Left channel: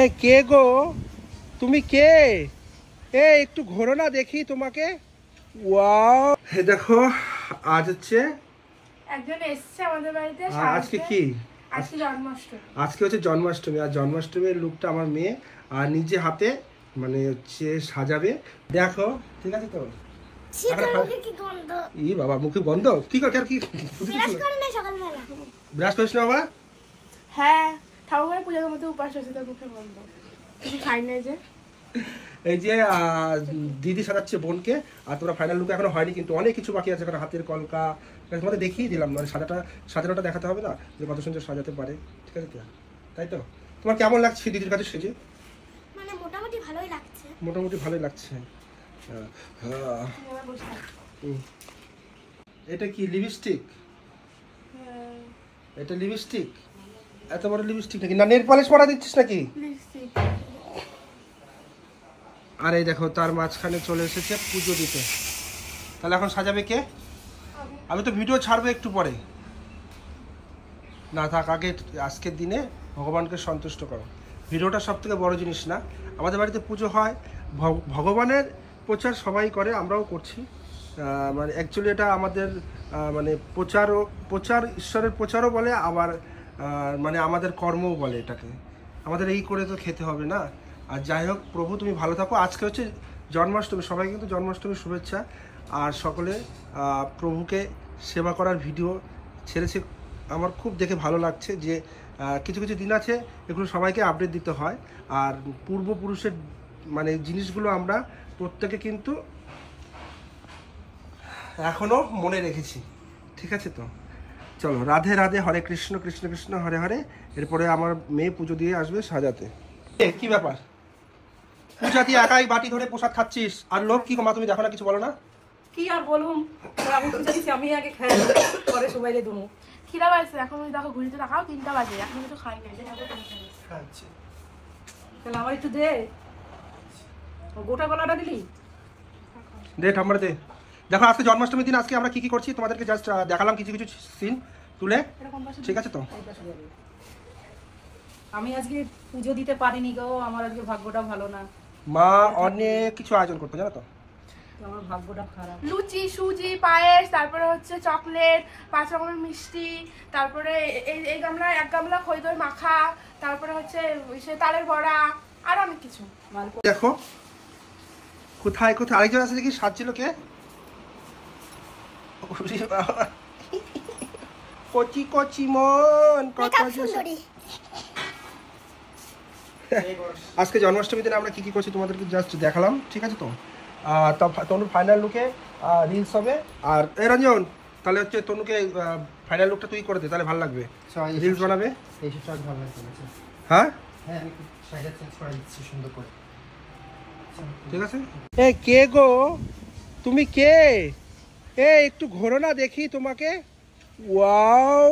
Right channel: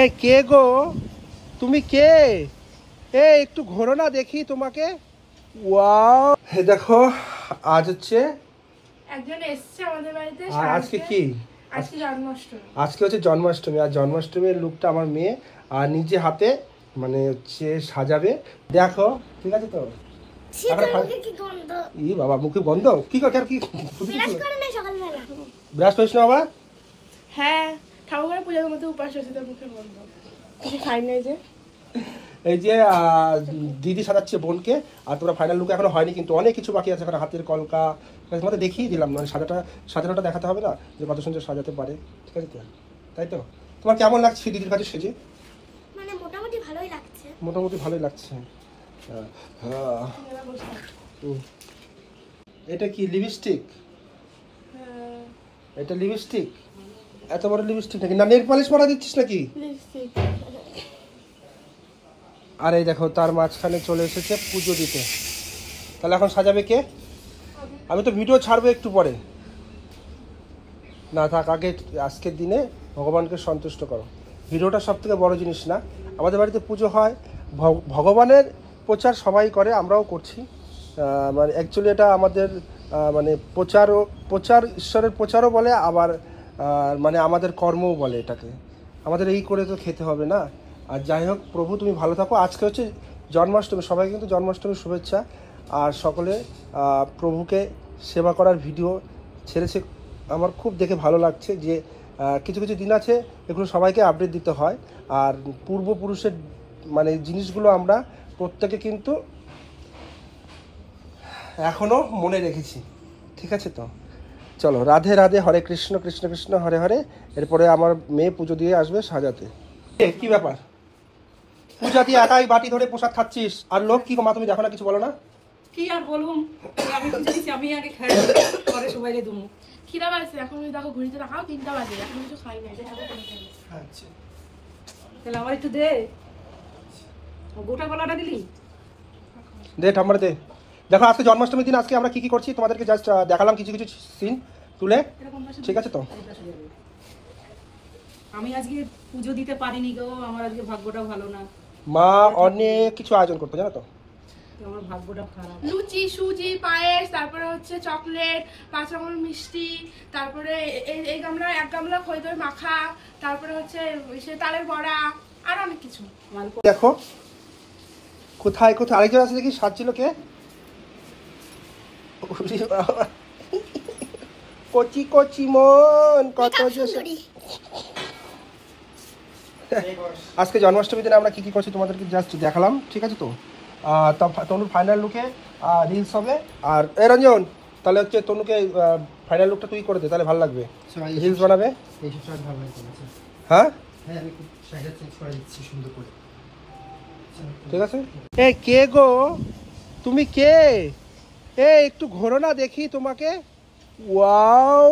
এই কে গো, তুমি কে? একটু ঘোরো না দেখি তোমাকে। ওয়াও, দেখো আজ হচ্ছে একজন এসেছে আমাদের বাড়িতে। আজকে কি? আজকে জন্মাষ্টমী। আজকে হচ্ছে জন্মাষ্টমী। আর জন্মাষ্টমীর লুকটা আমার মেয়ে আর নিজে হাতে মানে সে সাজাবে। দেখো ঠিক আছে তো? ই বাবা, মুখে গন্ধ কি করে? কি ব্রাশ করিস না বাবা? হ্যাঁ, ঠাকুরের পূজার মধ্যে উপাস হয়েছে, তোর মুখে গন্ধ। কিছু খাই নাই যে। এই যে দিদি সাজাচ্ছে বোনকে। আর তোরা ফাইনাল লুক এখনো হয়নি, কিন্তু অনেক কিছু বাকি আছে। এখানে হাতের কলকা তোমাদের দেখিয়ে দিলাম, মানে সাজানোটা দেখাতে হবে না যে কত সুন্দর সাজাতে পারে। ঠিক আছে তো? তাই তো? তোমার কেমন লাগছে দিদির কাছে সেজে? মানে মোটামুটি ভালোই লাগছে। মোটামুটি ভালোই লাগছে। এটা কি লিপস্টিক? এটা লিপস্টিক? এত বড় লিপস্টিক নাকি? না নেল পলিশ পরা দিচ্ছিস নাকি? আর এই দেখো তার মাঝখানে চলে এসেছে পুজো দিতে। তাহলে এখন সাজাবে কে? আমি তো ভিডিও ছাড়বো একটু পরে। না থাক, আগে আজকের দিনে ভগবানকে সন্তুষ্ট করো। ভিডিওটা সব থেকে বড় জিনিস না। আমাদের বাড়িতে পুজো হয়, ভগবানের প্রচার সবাই করে, আমরাও করছি। মানে অ্যাকচুয়ালি এটা আমাদের মানে প্রচার ঈশ্বরের প্রচারও বলে, আবার মানে আমাদের কর্মও বলে এটাকে। আমাদের এই করে তো খেতে হবে না। আর যাই হোক, প্রভু তুমি ভালো থাকো। আজকে হচ্ছে জন্মাষ্টমী, সবাই কিন্তু জন্মাষ্টমীর শুভেচ্ছা। আর সকলে প্রভুকে সেবা করার ভিডিও ছেড়েছে, আমার খুব দেখে ভালো লাগছে যে কিছু কিছু দিন আছে এগুলো সবাইকে আপডেট দিতে হয়। আর পূর্বপুরুষের মানে জিনিসগুলো আমরা প্রত্যেকে কিন্তু এখনো মনে রেখেছি। ঠিক আছে তো? চলো, রাধে রাধে, হরে কৃষ্ণ কৃষ্ণ কৃষ্ণ হরে হরে। এরপরে আমার মেয়ে পুজো দিয়ে আসবে সাজাতে। কি ব্যাপার? পূজা দিয়ে একাই বাটি ধরে প্রসাদ খাচ্ছিস, আর লোক কি? মা তুমি দেখো না, কিছু বলো না? কি আর বলুম, আমি তো চাইছি আমি আগে খাই, পরে সবাইকে দেবো। খিদা পাইছে, এখন ওই দেখো ঘুরিতে দেখাও 3টা বাজে, এখন কিছু খাই না। তাহলে আমার একটু দে, গোটা গলাটা দিলি দে ঠাম্মার দে। দেখো আজকে জন্মাষ্টমীর দিন আজকে আমরা কি কি করছি তোমাদেরকে জাস্ট দেখালাম কিছু কিছু সিন তুলে। ঠিক আছে তো? আমি আজকে পুজো দিতে পারিনি গো, আমার আজকে ভাগ্যটা ভালো না। মা অনেক কিছু আয়োজন করতে, জানো তো? আমার ভাগ্যটা খারাপ। লুচি, সুজি, পায়েস, তারপরে হচ্ছে চকলেট, 5 রকমের মিষ্টি, তারপরে এই গামলা 1 গামলা খই দই মাখা, তারপরে হচ্ছে তালের বড়া, আর অনেক কিছু। দেখো কোথায় কোথায় আরেকজন আছে দেখি, সাজছিল কে? কচি কচি মন কত সুন্দরী। আজকে জন্মাষ্টমীর দিনে আমরা কি কি করছি তোমাদেরকে জাস্ট দেখালাম। ঠিক আছে তো? তনু ফাইনাল লুকে রিলস হবে। আর এ রঞ্জন, তাহলে হচ্ছে তনুকে ফাইনাল লুকটা তুই করে দে, তাহলে ভালো লাগবে। রিলস বানাবে। হ্যাঁ ঠিক আছে। এই কে গো, তুমি কে? একটু ঘোরো না দেখি তোমাকে। ওয়াও,